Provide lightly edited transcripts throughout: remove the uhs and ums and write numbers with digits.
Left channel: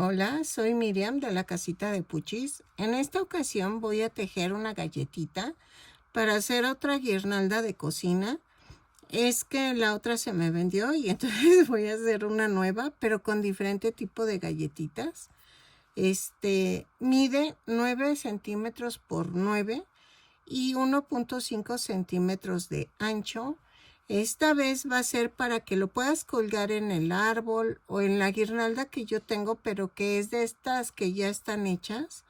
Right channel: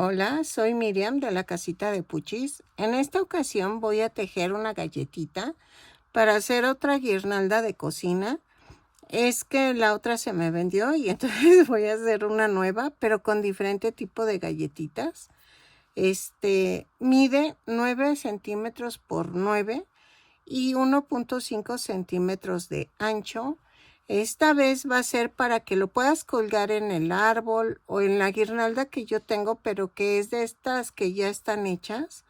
Hola, soy Miriam de la casita de Puchis. En esta ocasión voy a tejer una galletita para hacer otra guirnalda de cocina. Es que la otra se me vendió y entonces voy a hacer una nueva, pero con diferente tipo de galletitas. Mide 9 centímetros por 9 y 1.5 centímetros de ancho. Esta vez va a ser para que lo puedas colgar en el árbol o en la guirnalda que yo tengo, pero que es de estas que ya están hechas.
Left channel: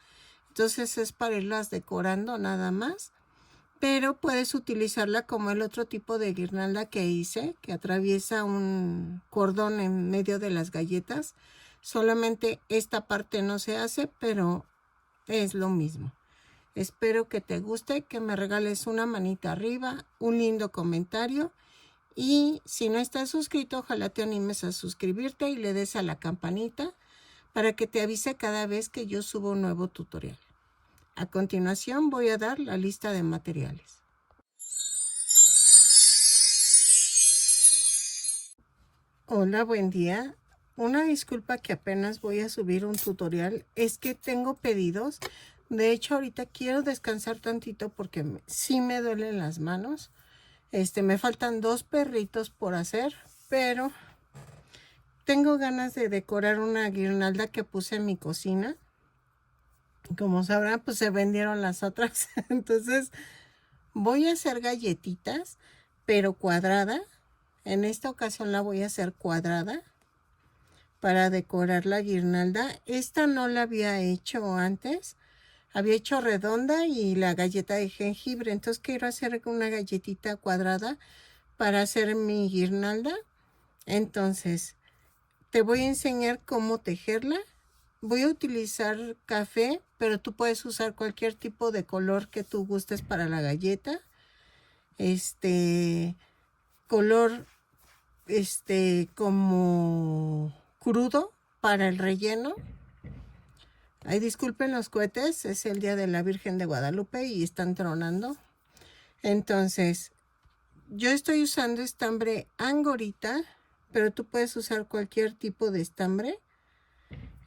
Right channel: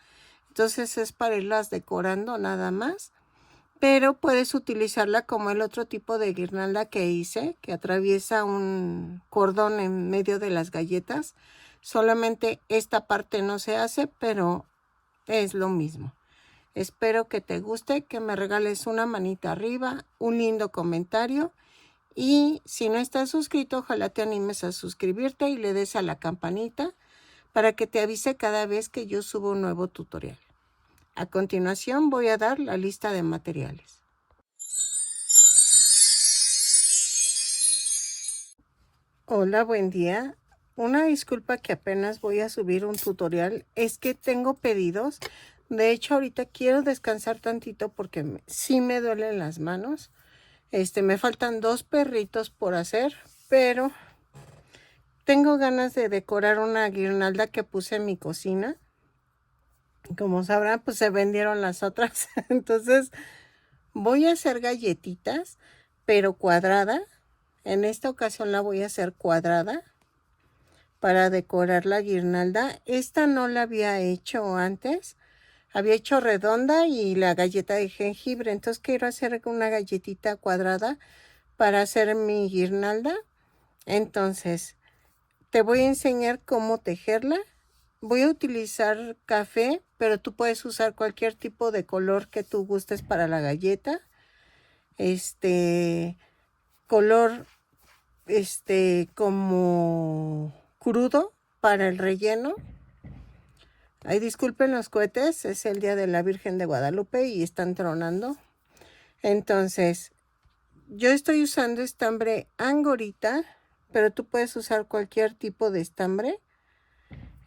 Entonces es para irlas decorando nada más. Pero puedes utilizarla como el otro tipo de guirnalda que hice, que atraviesa un cordón en medio de las galletas. Solamente esta parte no se hace, pero es lo mismo. Espero que te guste, que me regales una manita arriba, un lindo comentario. Y si no estás suscrito, ojalá te animes a suscribirte y le des a la campanita para que te avise cada vez que yo subo un nuevo tutorial. A continuación voy a dar la lista de materiales. Hola, buen día. Una disculpa que apenas voy a subir un tutorial, es que tengo pedidos. De hecho, ahorita quiero descansar tantito porque sí me duelen las manos. Me faltan 2 perritos por hacer, pero tengo ganas de decorar una guirnalda que puse en mi cocina. Como sabrán, pues se vendieron las otras. Entonces voy a hacer galletitas, pero cuadrada. En esta ocasión la voy a hacer cuadrada para decorar la guirnalda. Esta no la había hecho antes. Había hecho redonda y la galleta de jengibre. Entonces quiero hacer una galletita cuadrada para hacer mi guirnalda. Entonces te voy a enseñar cómo tejerla. Voy a utilizar café, pero tú puedes usar cualquier tipo de color que tú gustes para la galleta. Color como crudo para el relleno. Ay, disculpen los cohetes, es el día de la Virgen de Guadalupe y están tronando. Entonces, yo estoy usando estambre angorita, pero tú puedes usar cualquier tipo de estambre.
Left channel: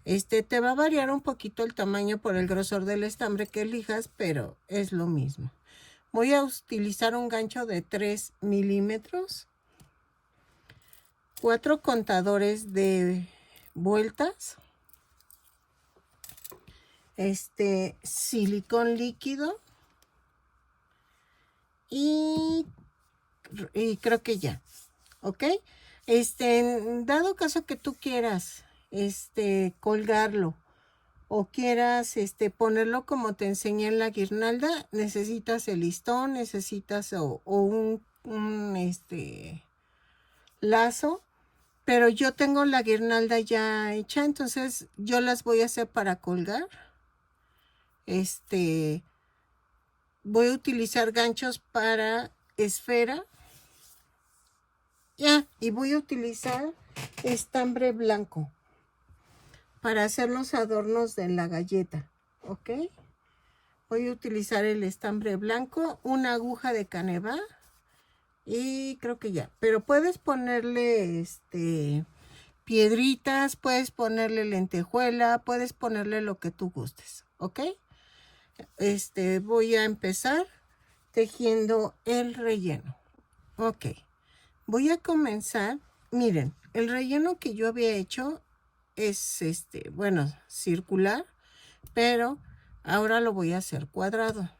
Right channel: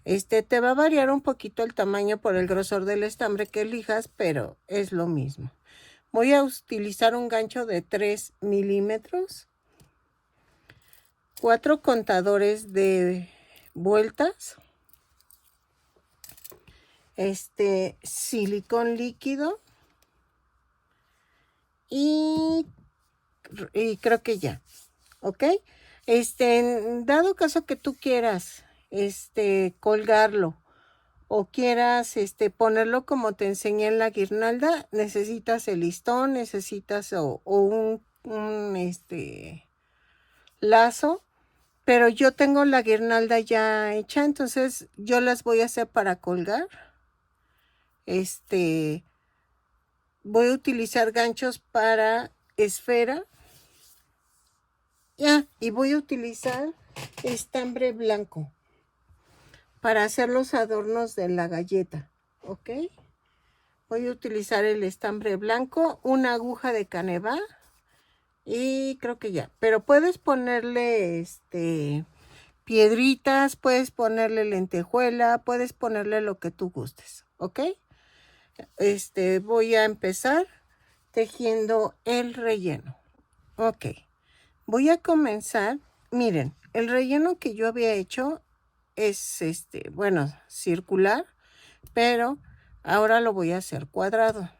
Te va a variar un poquito el tamaño por el grosor del estambre que elijas, pero es lo mismo. Voy a utilizar un gancho de 3 milímetros, 4 contadores de vueltas, silicón líquido y creo que ya, ¿ok? En dado caso que tú quieras colgarlo o quieras ponerlo como te enseñé en la guirnalda, necesitas el listón, necesitas un lazo, pero yo tengo la guirnalda ya hecha, entonces yo las voy a hacer para colgar. Voy a utilizar ganchos para esfera. Y voy a utilizar estambre blanco para hacer los adornos de la galleta, ¿ok? Voy a utilizar el estambre blanco, una aguja de caneva y creo que ya. Pero puedes ponerle piedritas, puedes ponerle lentejuela, puedes ponerle lo que tú gustes, ¿ok? Voy a empezar tejiendo el relleno. Ok, voy a comenzar. Miren, el relleno que yo había hecho es bueno, circular, pero ahora lo voy a hacer cuadrado.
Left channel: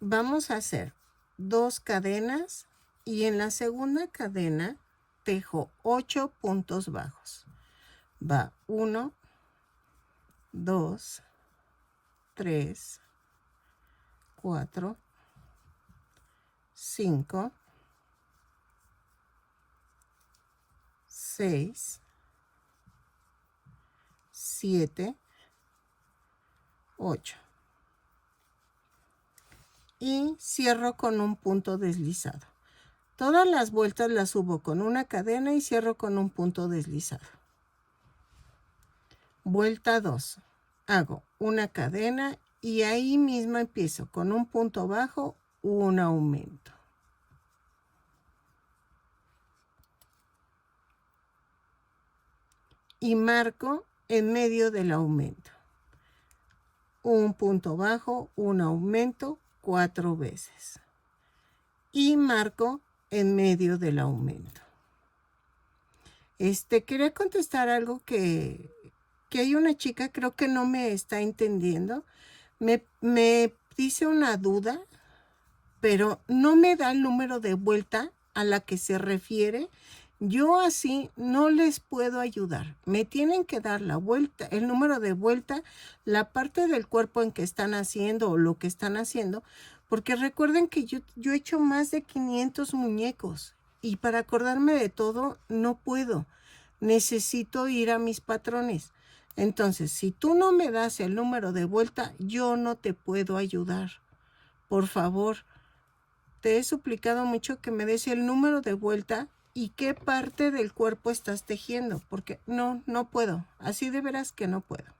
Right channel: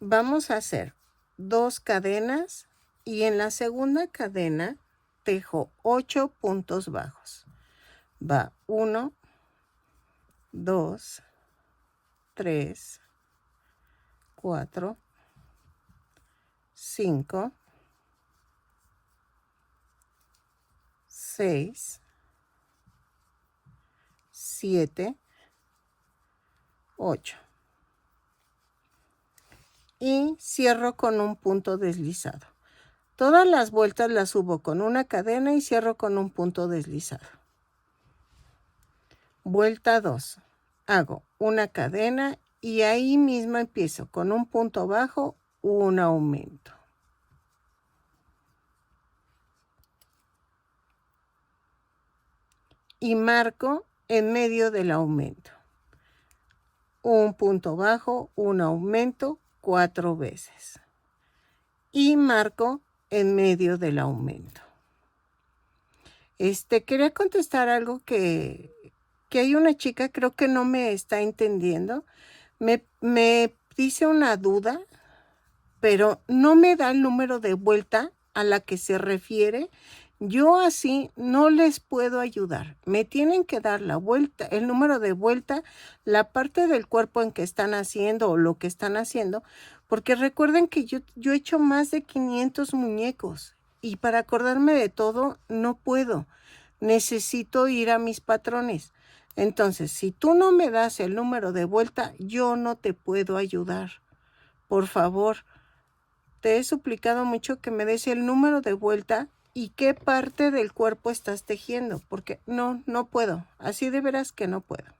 Vamos a hacer 2 cadenas y en la segunda cadena tejo 8 puntos bajos. Va 1, 2, 3, 4, 5, 6, 7, 8. Y cierro con un punto deslizado. Todas las vueltas las subo con una cadena y cierro con un punto deslizado. Vuelta 2. Hago una cadena y ahí mismo empiezo con un punto bajo, un aumento. y marco en medio del aumento. Un punto bajo, un aumento 4 veces. Y marco en medio del aumento. Quería contestar algo que hay una chica, creo que no me está entendiendo. Me dice una duda, pero no me da el número de vuelta a la que se refiere. Yo así no les puedo ayudar. Me tienen que dar la vuelta, el número de vuelta, la parte del cuerpo en que están haciendo o lo que están haciendo, porque recuerden que yo he hecho más de 500 muñecos y para acordarme de todo no puedo. Necesito ir a mis patrones. Entonces, si tú no me das el número de vuelta, yo no te puedo ayudar. Por favor, te he suplicado mucho que me des el número de vuelta y qué parte del cuerpo estás tejiendo, porque no puedo. Así de veras que no puedo.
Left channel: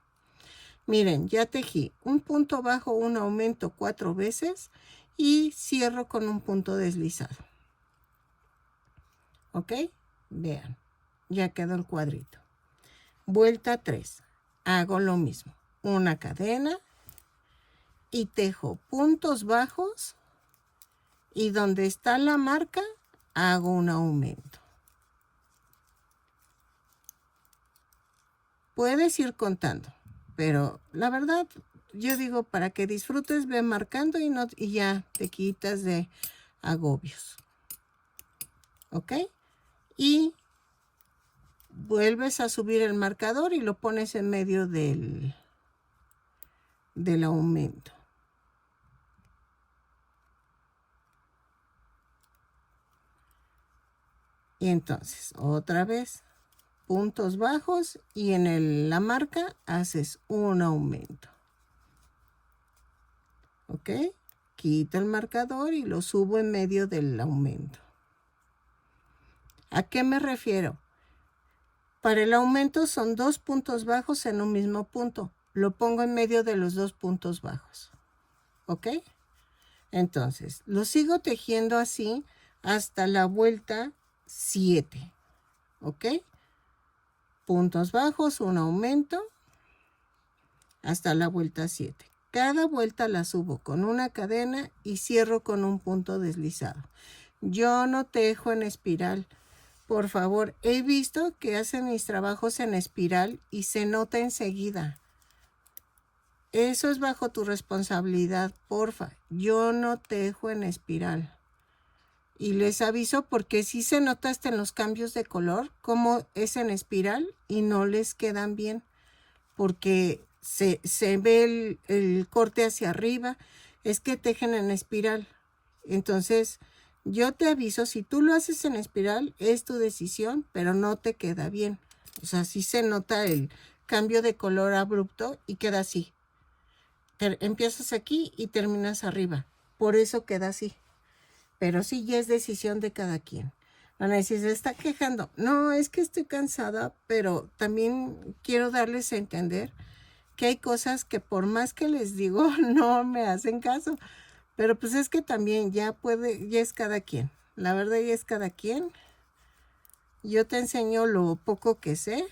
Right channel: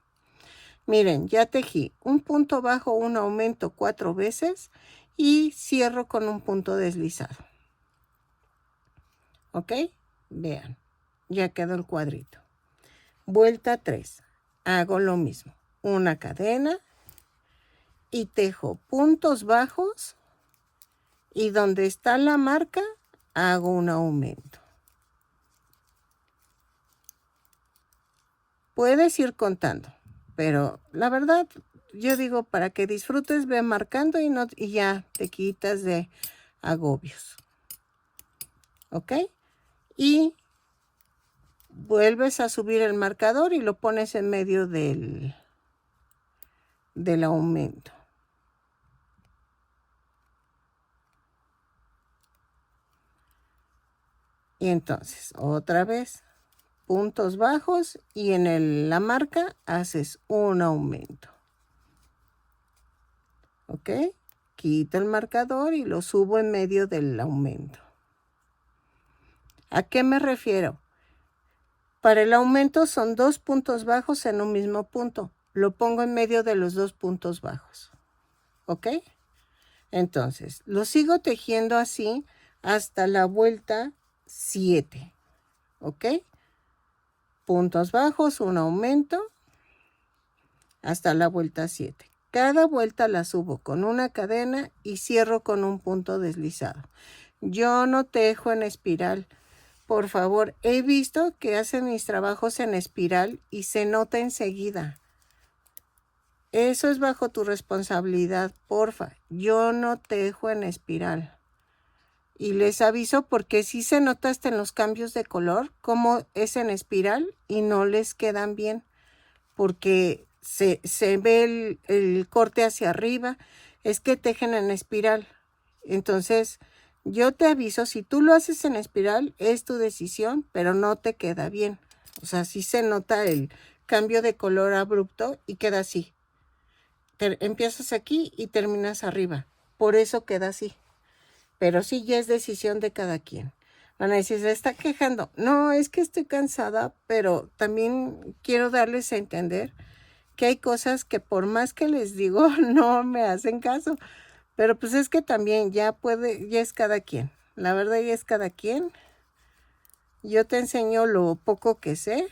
Miren, ya tejí un punto bajo, un aumento 4 veces y cierro con un punto deslizado. ¿Ok? Vean, ya quedó el cuadrito. Vuelta 3. Hago lo mismo. Una cadena y tejo puntos bajos y donde está la marca hago un aumento. Puedes ir contando, pero la verdad yo digo para que disfrutes, ve marcando y ya te quitas de agobios. ¿Ok? Y vuelves a subir el marcador y lo pones en medio del aumento. Y entonces, otra vez, puntos bajos y en la marca haces un aumento. ¿Ok? Quito el marcador y lo subo en medio del aumento. ¿A qué me refiero? Para el aumento son 2 puntos bajos en un mismo punto. Lo pongo en medio de los 2 puntos bajos. ¿Ok? Entonces, lo sigo tejiendo así hasta la vuelta 7. ¿Ok? Puntos bajos, un aumento, hasta la vuelta 7. Cada vuelta la subo con una cadena y cierro con un punto deslizado. Yo no tejo en espiral. Por favor, he visto que hacen mis trabajos en espiral y se nota enseguida. Eso es bajo tu responsabilidad, porfa. Yo no tejo en espiral. Y les aviso porque sí se nota hasta en los cambios de color, como es en espiral y no les quedan bien. Porque se ve el corte hacia arriba. Es que tejen en espiral. Entonces, yo te aviso, si tú lo haces en espiral, es tu decisión, pero no te queda bien. O sea, sí se nota el cambio de color abrupto y queda así. Empiezas aquí y terminas arriba. Por eso queda así. Pero sí, ya es decisión de cada quien. Van a decir, se está quejando. No, es que estoy cansada, pero también quiero darles a entender que hay cosas que por más que les digo, no me hacen caso. Pero pues es que también ya es cada quien. La verdad ya es cada quien. Yo te enseño lo poco que sé.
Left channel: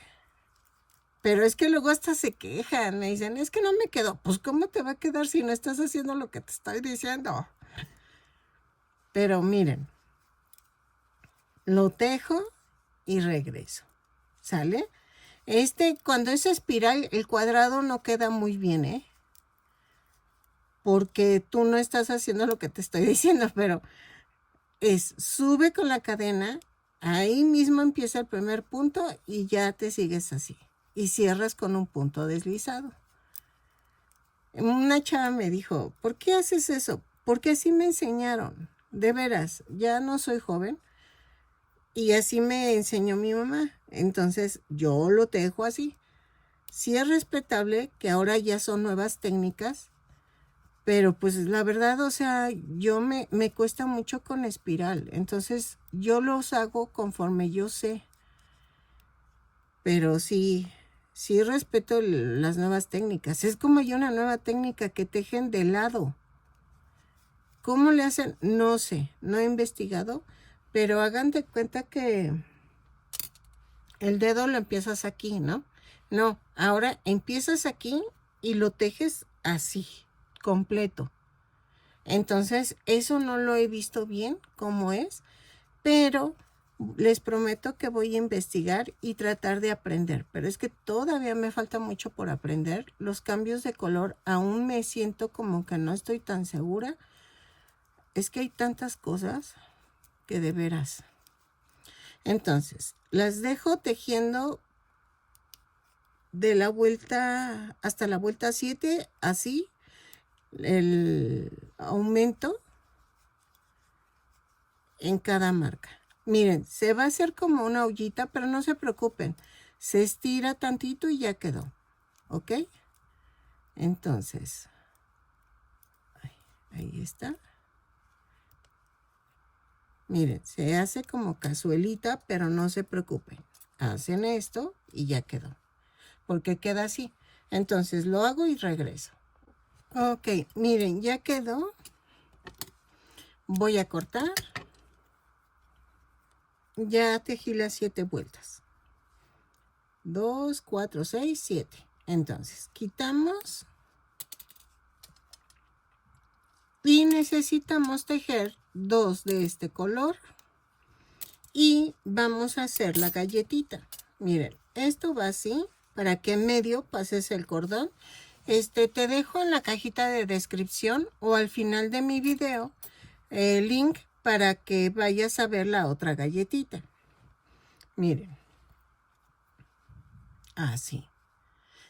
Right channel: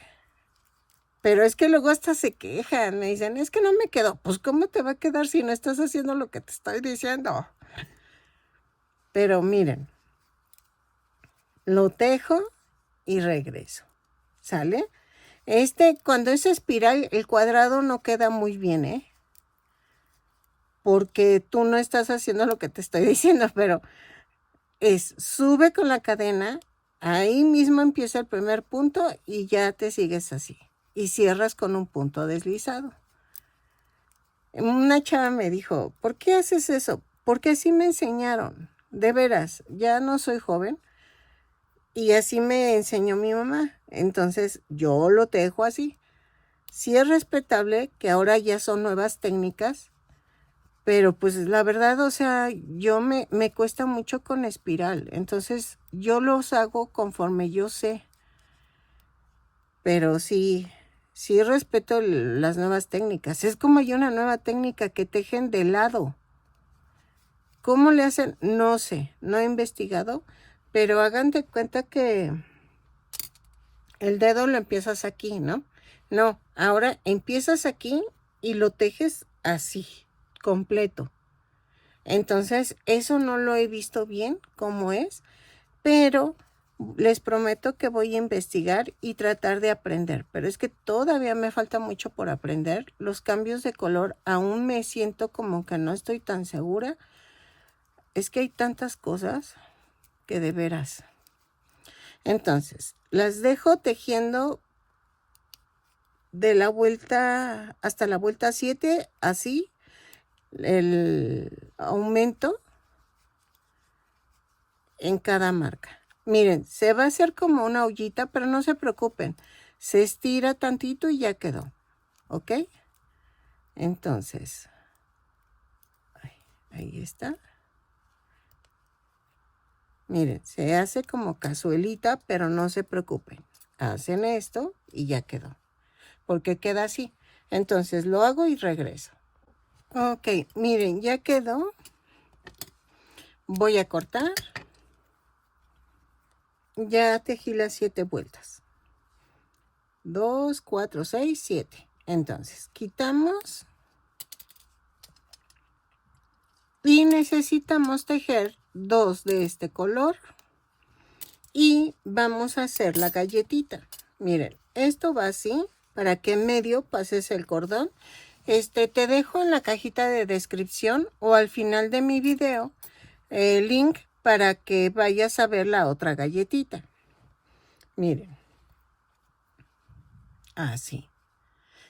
Pero es que luego hasta se quejan. Me dicen, es que no me quedó. Pues ¿cómo te va a quedar si no estás haciendo lo que te estoy diciendo? Pero miren. Lo tejo y regreso. ¿Sale? Cuando es espiral, el cuadrado no queda muy bien, ¿eh? Porque tú no estás haciendo lo que te estoy diciendo, pero sube con la cadena, ahí mismo empieza el primer punto y ya te sigues así. Y cierras con un punto deslizado. Una chava me dijo, ¿por qué haces eso? Porque así me enseñaron. De veras, ya no soy joven. Y así me enseñó mi mamá. Entonces yo lo tejo así. Sí es respetable que ahora ya son nuevas técnicas. Pero pues la verdad, o sea, me cuesta mucho con espiral. Entonces yo los hago conforme yo sé. Pero sí respeto las nuevas técnicas. Es como hay una nueva técnica que tejen de lado. ¿Cómo le hacen? No sé, no he investigado. Pero hagan de cuenta que el dedo lo empiezas aquí, ¿no? No, ahora empiezas aquí y lo tejes así, completo. Entonces, eso no lo he visto bien cómo es, pero les prometo que voy a investigar y tratar de aprender. Pero es que todavía me falta mucho por aprender. Los cambios de color aún me siento como que no estoy tan segura. Es que hay tantas cosas que de veras. Entonces, las dejo tejiendo de la vuelta hasta la vuelta 7, así, el aumento en cada marca. Miren, se va a hacer como una ollita, pero no se preocupen. Se estira tantito y ya quedó. ¿Ok? Entonces, ahí está. Miren, se hace como cazuelita, pero no se preocupen. Hacen esto y ya quedó. Porque queda así. Entonces lo hago y regreso. Ok, miren, ya quedó. Voy a cortar. Ya tejí las 7 vueltas. 2, 4, 6, 7. Entonces, quitamos. Y necesitamos tejer 2 de este color. Y vamos a hacer la galletita. Miren, esto va así. Para que en medio pases el cordón. Te dejo en la cajita de descripción o al final de mi video el link para que vayas a ver la otra galletita. Miren. Así.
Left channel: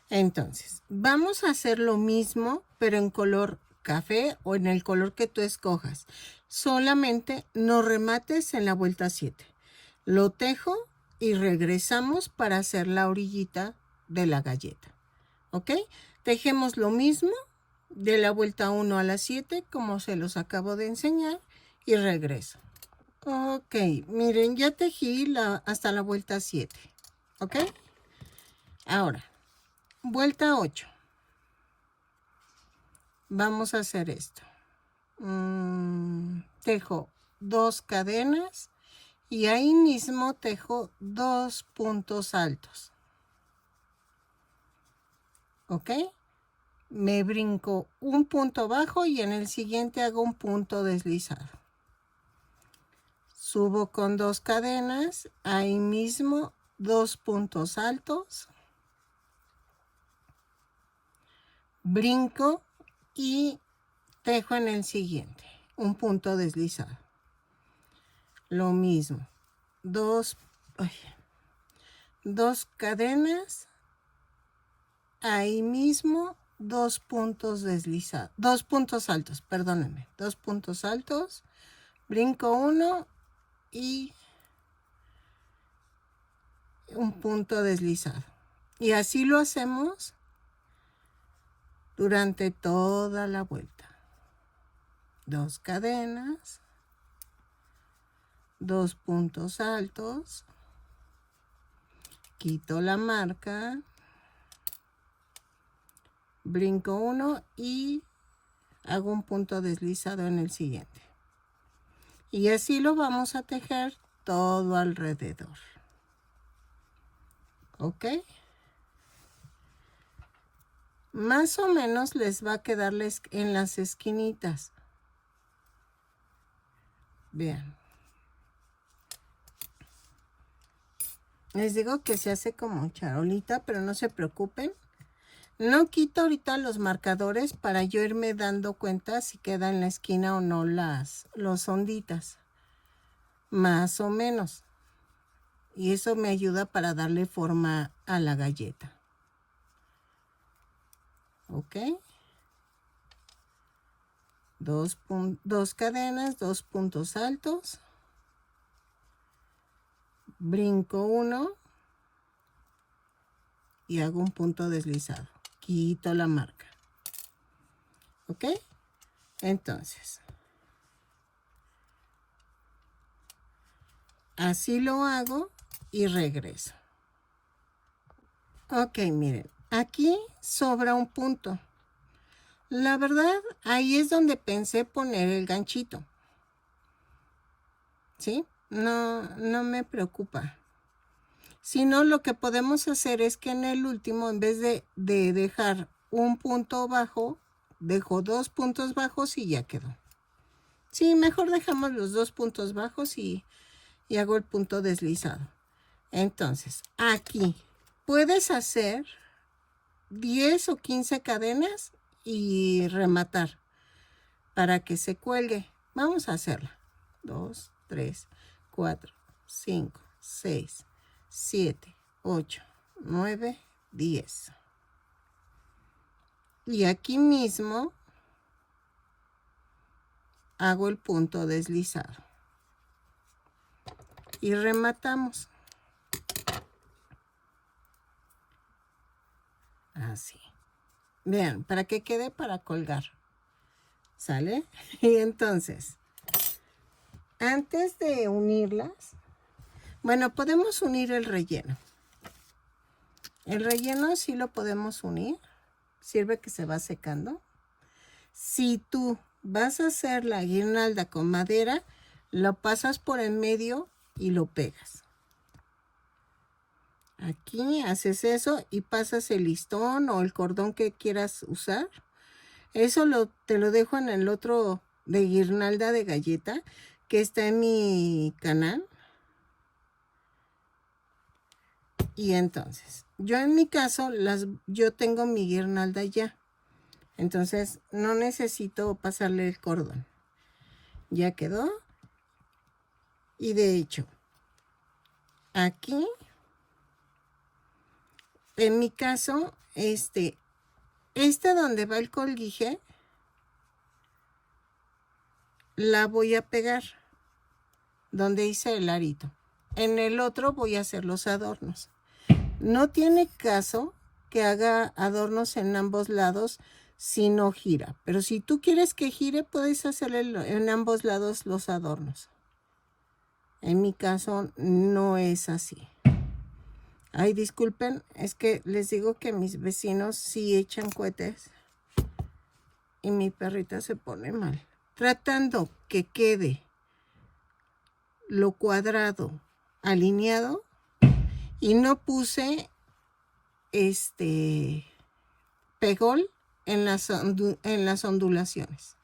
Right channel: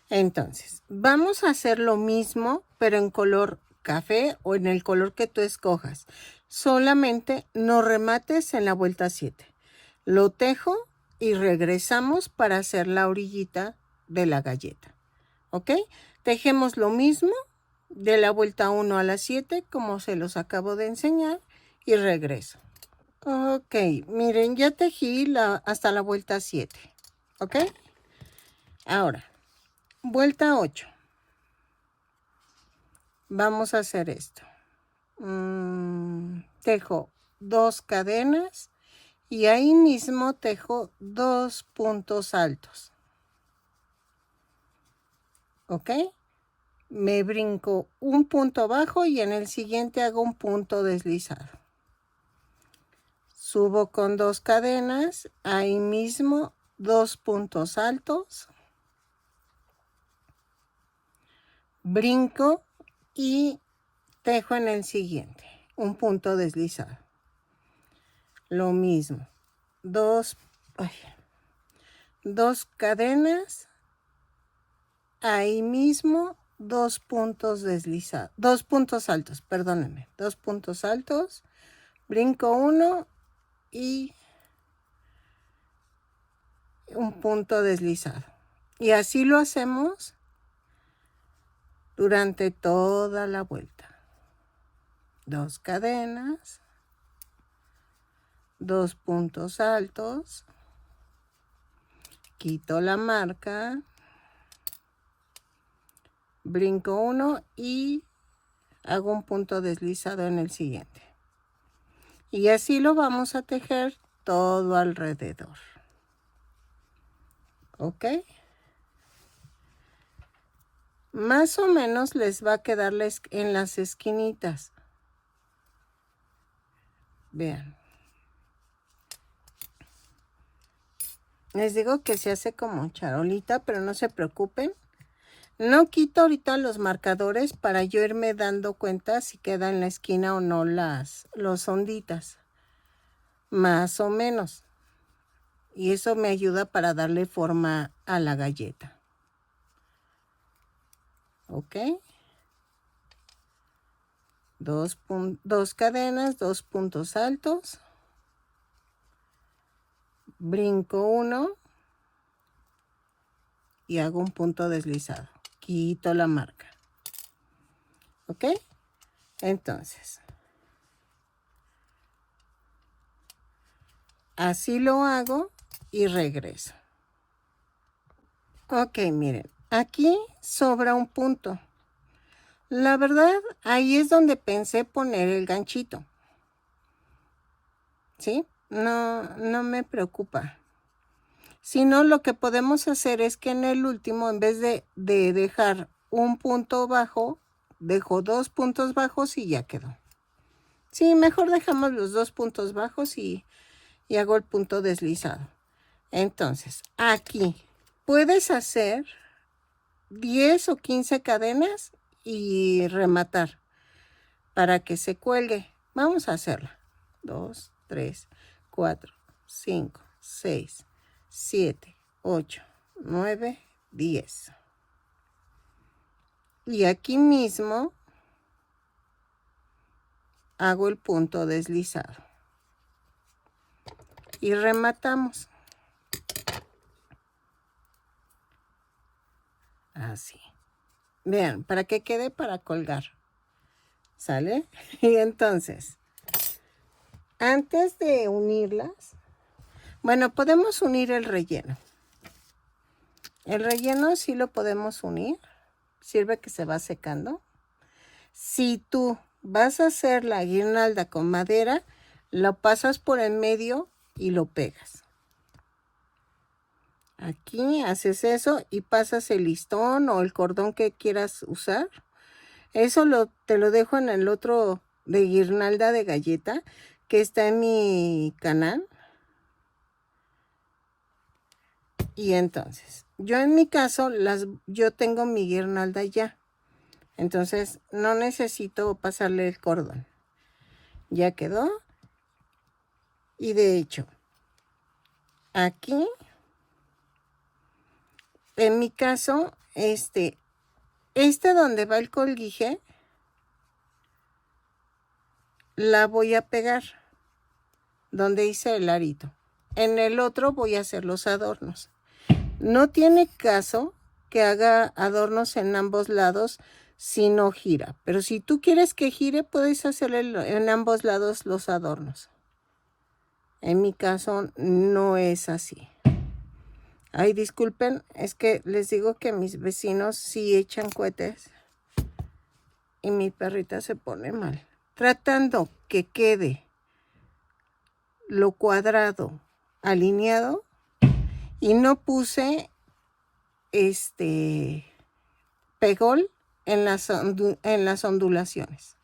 Entonces, vamos a hacer lo mismo, pero en color café o en el color que tú escojas. Solamente no remates en la vuelta 7. Lo tejo y regresamos para hacer la orillita de la galleta. ¿Ok? Tejemos lo mismo de la vuelta 1 a la 7, como se los acabo de enseñar, y regreso. Ok, miren, ya tejí hasta la vuelta 7. ¿Ok? Ahora, vuelta 8. Vamos a hacer esto. Tejo 2 cadenas y ahí mismo tejo 2 puntos altos. ¿Ok? Me brinco un punto bajo y en el siguiente hago un punto deslizado. Subo con 2 cadenas, ahí mismo 2 puntos altos. Brinco y tejo en el siguiente, un punto deslizado. Lo mismo, 2 cadenas, ahí mismo 2 puntos deslizados, 2 puntos altos, perdónenme, 2 puntos altos, brinco 1 y un punto deslizado. Y así lo hacemos durante toda la vuelta. 2 cadenas, 2 puntos altos, quito la marca, brinco 1 y hago un punto deslizado en el siguiente. Y así lo vamos a tejer todo alrededor. ¿Ok? Más o menos les va a quedar en las esquinitas. Vean. Les digo que se hace como charolita, pero no se preocupen. No quito ahorita los marcadores para yo irme dando cuenta si queda en la esquina o no los onditas. Más o menos. Y eso me ayuda para darle forma a la galleta. ¿Ok? 2 cadenas, 2 puntos altos. Brinco 1 y hago un punto deslizado. Quito la marca. ¿Ok? Entonces, así lo hago y regreso. Ok, miren, aquí sobra un punto. La verdad, ahí es donde pensé poner el ganchito. ¿Sí? No me preocupa. Si no, lo que podemos hacer es que en el último, en vez de dejar un punto bajo, dejo 2 puntos bajos y ya quedó. Sí, mejor dejamos los 2 puntos bajos y hago el punto deslizado. Entonces, aquí puedes hacer 10 o 15 cadenas y rematar para que se cuelgue. Vamos a hacerla. 2, 3, 4, 5, 6, 7, 8, 9, 10. Y aquí mismo hago el punto deslizado. Y rematamos. Así. Vean, para que quede para colgar. ¿Sale? Y entonces, antes de unirlas, bueno, podemos unir el relleno. El relleno sí lo podemos unir. Sirve que se va secando. Si tú vas a hacer la guirnalda con madera, lo pasas por el medio y lo pegas. Aquí haces eso y pasas el listón o el cordón que quieras usar. Eso te lo dejo en el otro de guirnalda de galleta que está en mi canal. Y entonces, yo en mi caso, yo tengo mi guirnalda ya. Entonces, no necesito pasarle el cordón. Ya quedó. Y de hecho, aquí, en mi caso, donde va el colguije, la voy a pegar donde hice el arito. En el otro voy a hacer los adornos. No tiene caso que haga adornos en ambos lados si no gira. Pero si tú quieres que gire, puedes hacerle en ambos lados los adornos. En mi caso no es así. Ay, disculpen, es que les digo que mis vecinos sí echan cohetes y mi perrita se pone mal. Tratando que quede lo cuadrado alineado y no puse pegol en las ondulaciones.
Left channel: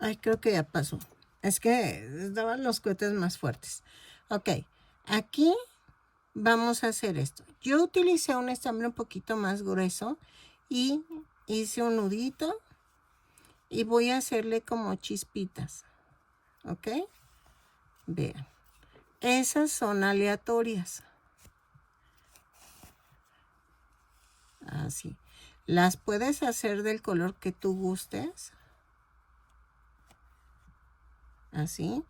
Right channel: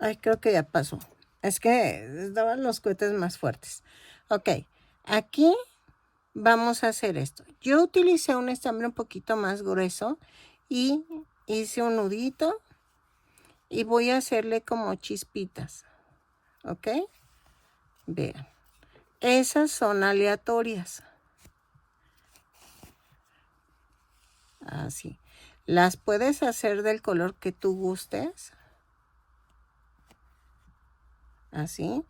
Ay, creo que ya pasó. Es que estaban los cohetes más fuertes. Ok, aquí vamos a hacer esto. Yo utilicé un estambre un poquito más grueso y hice un nudito y voy a hacerle como chispitas. ¿Ok? Vean. Esas son aleatorias. Así. Las puedes hacer del color que tú gustes. Así.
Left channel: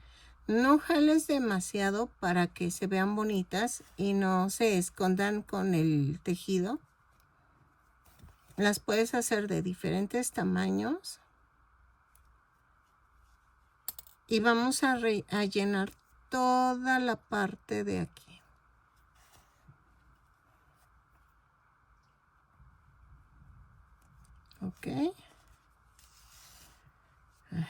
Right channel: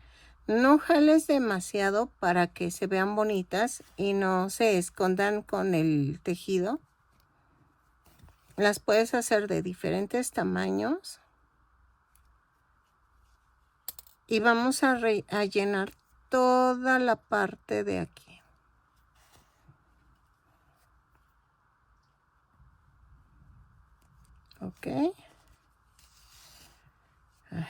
No jales demasiado para que se vean bonitas y no se escondan con el tejido. Las puedes hacer de diferentes tamaños. Y vamos a llenar toda la parte de aquí. Ok. Ay.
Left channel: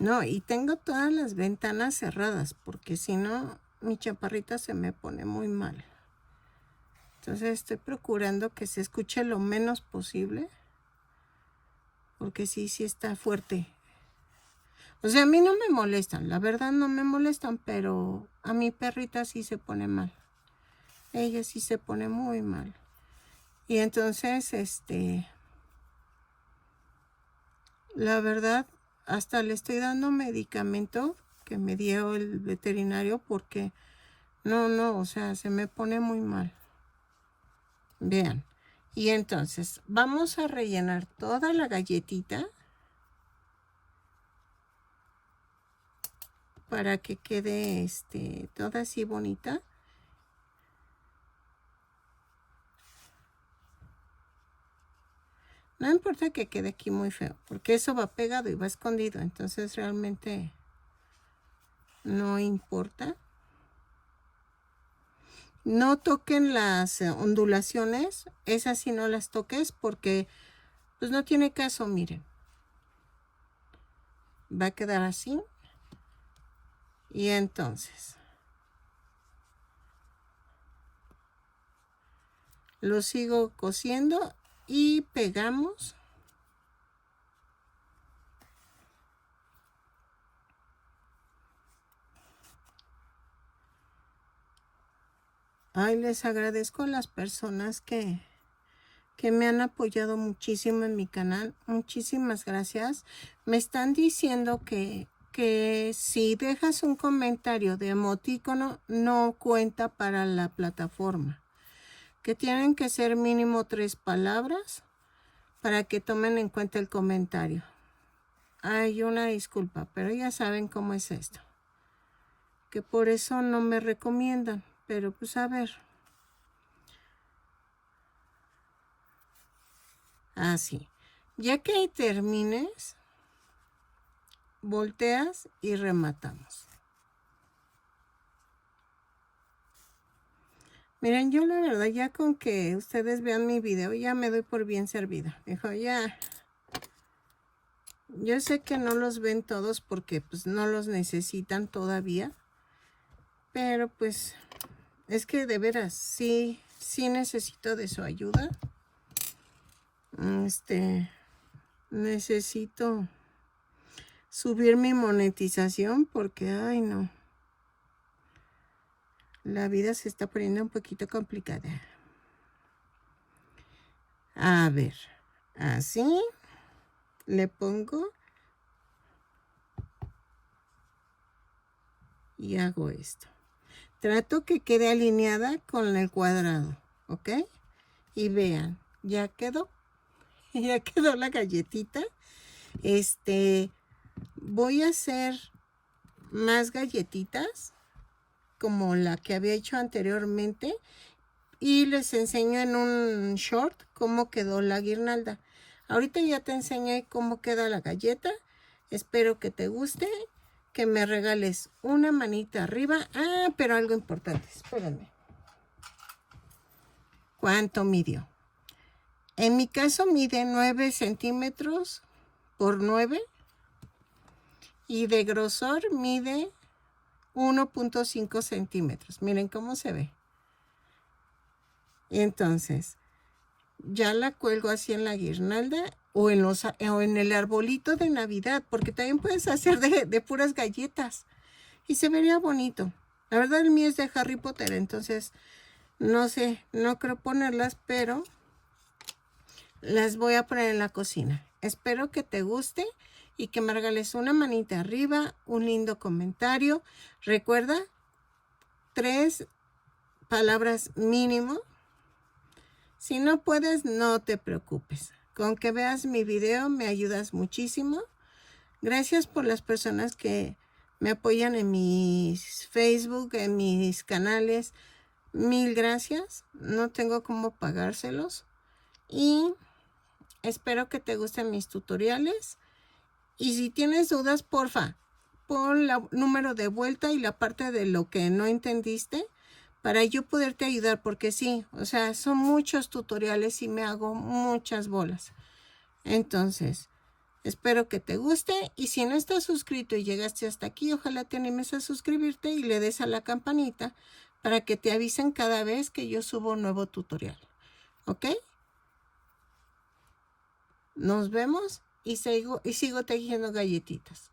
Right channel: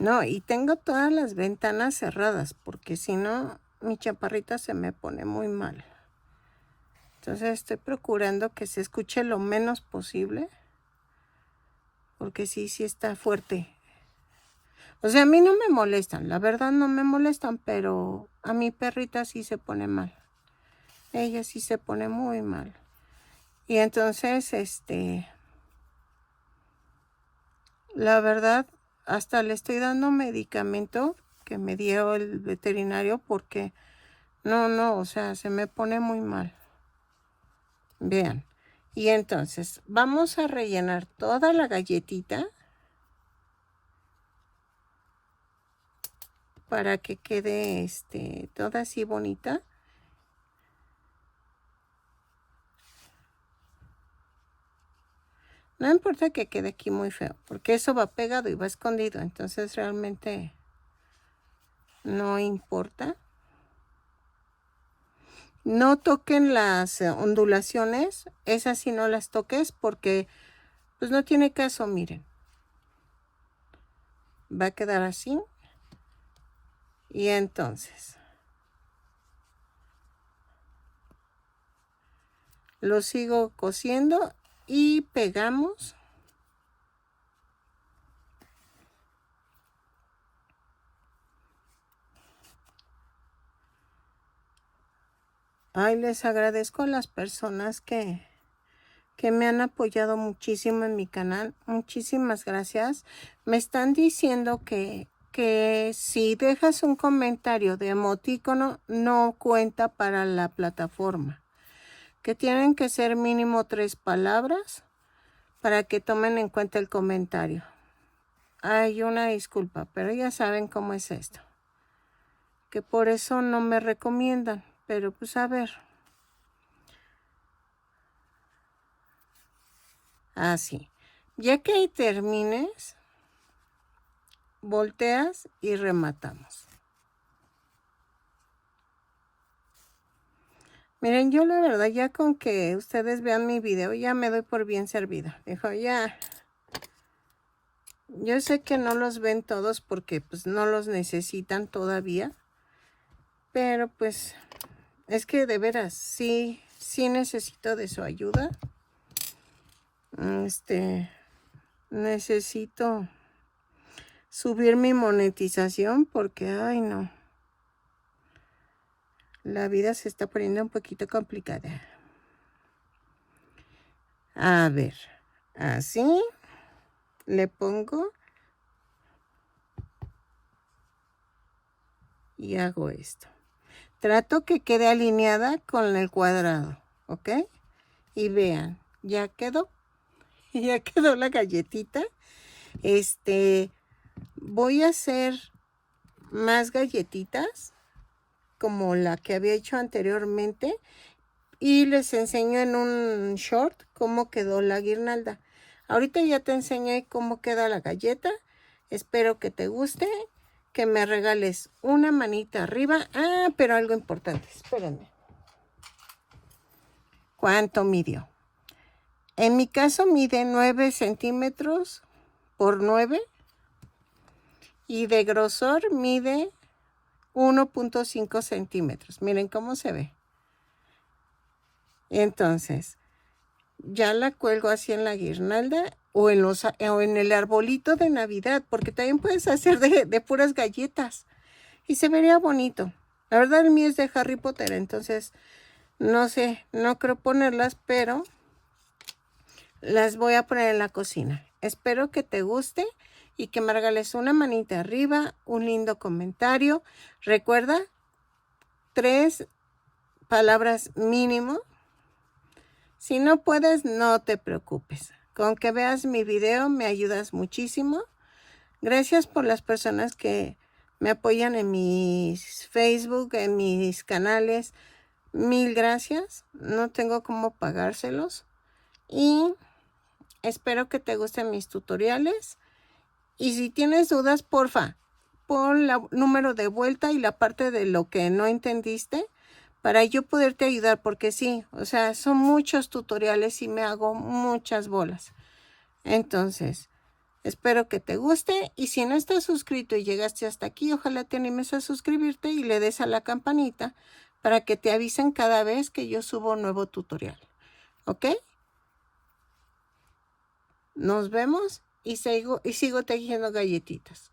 No, y tengo todas las ventanas cerradas porque si no, mi chaparrita se me pone muy mal. Entonces estoy procurando que se escuche lo menos posible. Porque sí está fuerte. O sea, a mí no me molestan. La verdad no me molestan, pero a mi perrita sí se pone mal. Ella sí se pone muy mal. Y entonces, la verdad, hasta le estoy dando medicamento que me dio el veterinario porque no, o sea, se me pone muy mal. Vean. Y entonces, vamos a rellenar toda la galletita para que quede toda así bonita. No importa que quede aquí muy feo, porque eso va pegado y va escondido, entonces realmente no importa. No toquen las ondulaciones, esas sí no las toques porque pues no tiene caso, miren. Va a quedar así. Y entonces lo sigo cosiendo y pegamos. Ay, les agradezco a las personas que me han apoyado muchísimo en mi canal. Muchísimas gracias. Me están diciendo que si dejas un comentario de emoticono no cuenta para la plataforma. Que tienen que ser mínimo 3 palabras para que tomen en cuenta el comentario. Hay una disculpa, pero ya saben cómo es esto. Que por eso no me recomiendan. Pero pues a ver. Así. Ya que termines, volteas y rematamos. Miren, yo la verdad ya con que ustedes vean mi video ya me doy por bien servida. Dejo ya. Yo sé que no los ven todos porque pues no los necesitan todavía. Pero pues es que de veras sí necesito de su ayuda. Necesito subir mi monetización porque, ay no, la vida se está poniendo un poquito complicada. A ver, así le pongo y hago esto. Trato que quede alineada con el cuadrado, ¿ok? Y vean, ya quedó. Ya quedó la galletita. Voy a hacer más galletitas como la que había hecho anteriormente y les enseño en un short cómo quedó la guirnalda. Ahorita ya te enseñé cómo queda la galleta. Espero que te guste, que me regales una manita arriba. Ah, pero algo importante, espérenme. ¿Cuánto midió? En mi caso mide 9 centímetros por 9 y de grosor mide 1.5 centímetros. Miren cómo se ve. Entonces, ya la cuelgo así en la guirnalda o en el arbolito de Navidad, porque también puedes hacer de puras galletas y se vería bonito. La verdad el mío es de Harry Potter, entonces no sé, no creo ponerlas, pero las voy a poner en la cocina. Espero que te guste y que me regales una manita arriba, un lindo comentario. Recuerda, 3 palabras mínimo. Si no puedes, no te preocupes. Con que veas mi video me ayudas muchísimo. Gracias por las personas que me apoyan en mis Facebook, en mis canales. Mil gracias. No tengo cómo pagárselos. Y espero que te gusten mis tutoriales. Y si tienes dudas, porfa, pon el número de vuelta y la parte de lo que no entendiste para yo poderte ayudar, porque sí, o sea, son muchos tutoriales y me hago muchas bolas. Entonces, espero que te guste y si no estás suscrito y llegaste hasta aquí, ojalá te animes a suscribirte y le des a la campanita para que te avisen cada vez que yo subo un nuevo tutorial. ¿Ok? Nos vemos y sigo tejiendo galletitas.